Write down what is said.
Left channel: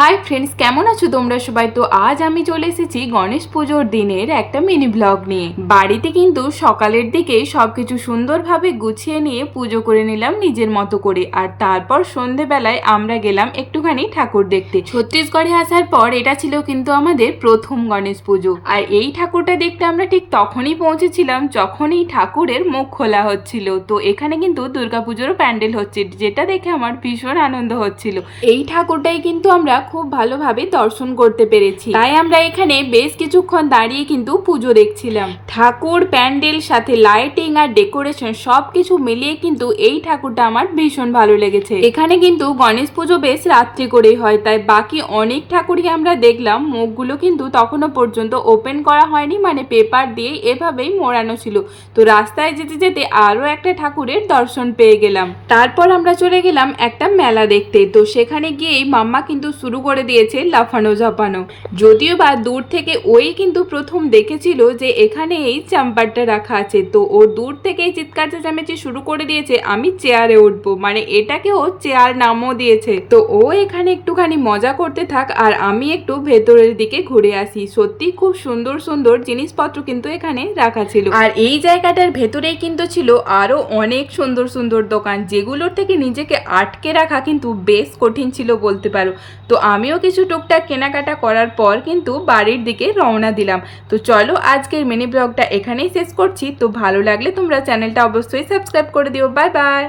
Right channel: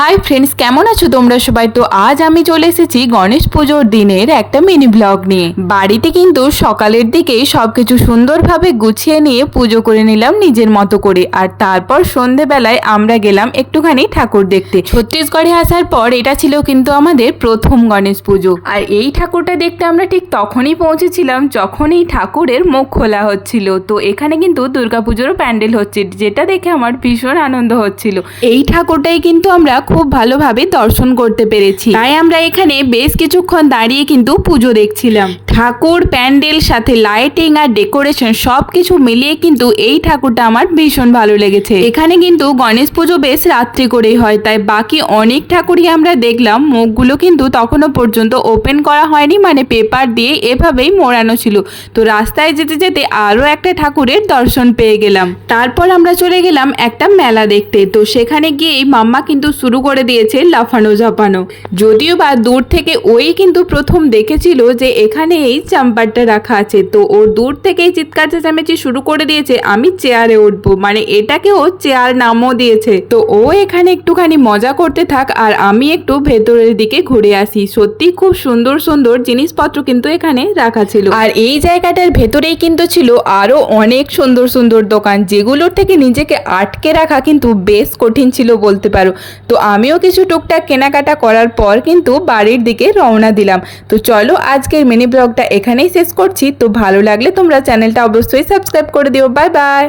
Hi friends, কেমন আছো তোমরা সবাই? তো আজ আমি চলে এসেছি গণেশ পুজোর দিনের একটা মিনি ব্লগ নিয়ে। বাড়িতে কিন্তু সকালের দিকেই সবকিছু সুন্দরভাবে গুছিয়ে নিয়ে পুজো করে নিলাম নিজের মতো করে। আর তারপর সন্ধেবেলায় আমরা গেলাম একটুখানি ঠাকুর দেখতে। ছত্তিশগড়ে আসার পর এটা ছিল কিন্তু আমাদের প্রথম গণেশ পুজো। আর এই ঠাকুরটা দেখতে আমরা ঠিক তখনই পৌঁছেছিলাম যখন এই ঠাকুরের মুখ খোলা হচ্ছিল। তো এখানে কিন্তু দুর্গাপুজোর প্যান্ডেল হচ্ছে, যেটা দেখে আমার ভীষণ আনন্দ হচ্ছিল। এই ঠাকুরটাই কিন্তু আমরা খুব ভালোভাবে দর্শন করতে পেরেছি, তাই আমরা এখানে বেশ কিছুক্ষণ দাঁড়িয়ে কিন্তু পুজো দেখছিলাম। ঠাকুর, প্যান্ডেল, সাথে লাইটিং আর ডেকোরেশন সবকিছু মিলিয়ে কিন্তু এই ঠাকুরটা আমার ভীষণ ভালো লেগেছে। এখানে কিন্তু গণেশ পুজো বেশ রাত্রি করেই হয়, তাই বাকি অনেক ঠাকুরই আমরা দেখলাম মুখগুলো কিন্তু তখনও পর্যন্ত ওপেন করা হয়নি, মানে পেপার দিয়ে এভাবেই মোড়ানো ছিল। তো রাস্তায় যেতে যেতে আরো একটা ঠাকুরের দর্শন পেয়ে গেলাম। তারপর আমরা চলে গেলাম একটা মেলা দেখতে। তো সেখানে গিয়েই মাম্মা কিন্তু শুরু করে দিয়েছে লাফানো ঝাপানো। যদিও বা দূর থেকে ওই কিন্তু প্রথম দেখেছিল যে এখানে এই চাম্পারটা রাখা আছে, তো ও দূর থেকেই চিৎকার চেঁচামেচি শুরু করে দিয়েছে আমি চেয়ারে উঠবো, মানে এটাকে ও চেয়ার নামও দিয়েছে। তো ও এখানে একটুখানি মজা করতে থাক আর আমি একটু ভেতরের দিকে ঘুরে আসি। সত্যি খুব সুন্দর সুন্দর জিনিসপত্র কিন্তু এখানে রাখা ছিল। আর এই জায়গাটার ভেতরেই কিন্তু ছিল আরো অনেক সুন্দর সুন্দর দোকান, যেগুলোর থেকে নিজেকে আটকে রাখা কিন্তু বেশ কঠিন ছিল বলতে পারো। তো আমিও কিছু টুকটাক কেনাকাটা করার পর কিন্তু বাড়ির দিকে রওনা দিলাম। তো চলো আজকের মিনি ব্লগটা এখানেই শেষ করছি। তো ভালো লাগলে তোমরা চ্যানেলটা অবশ্যই সাবস্ক্রাইব করে দিও। Bye bye.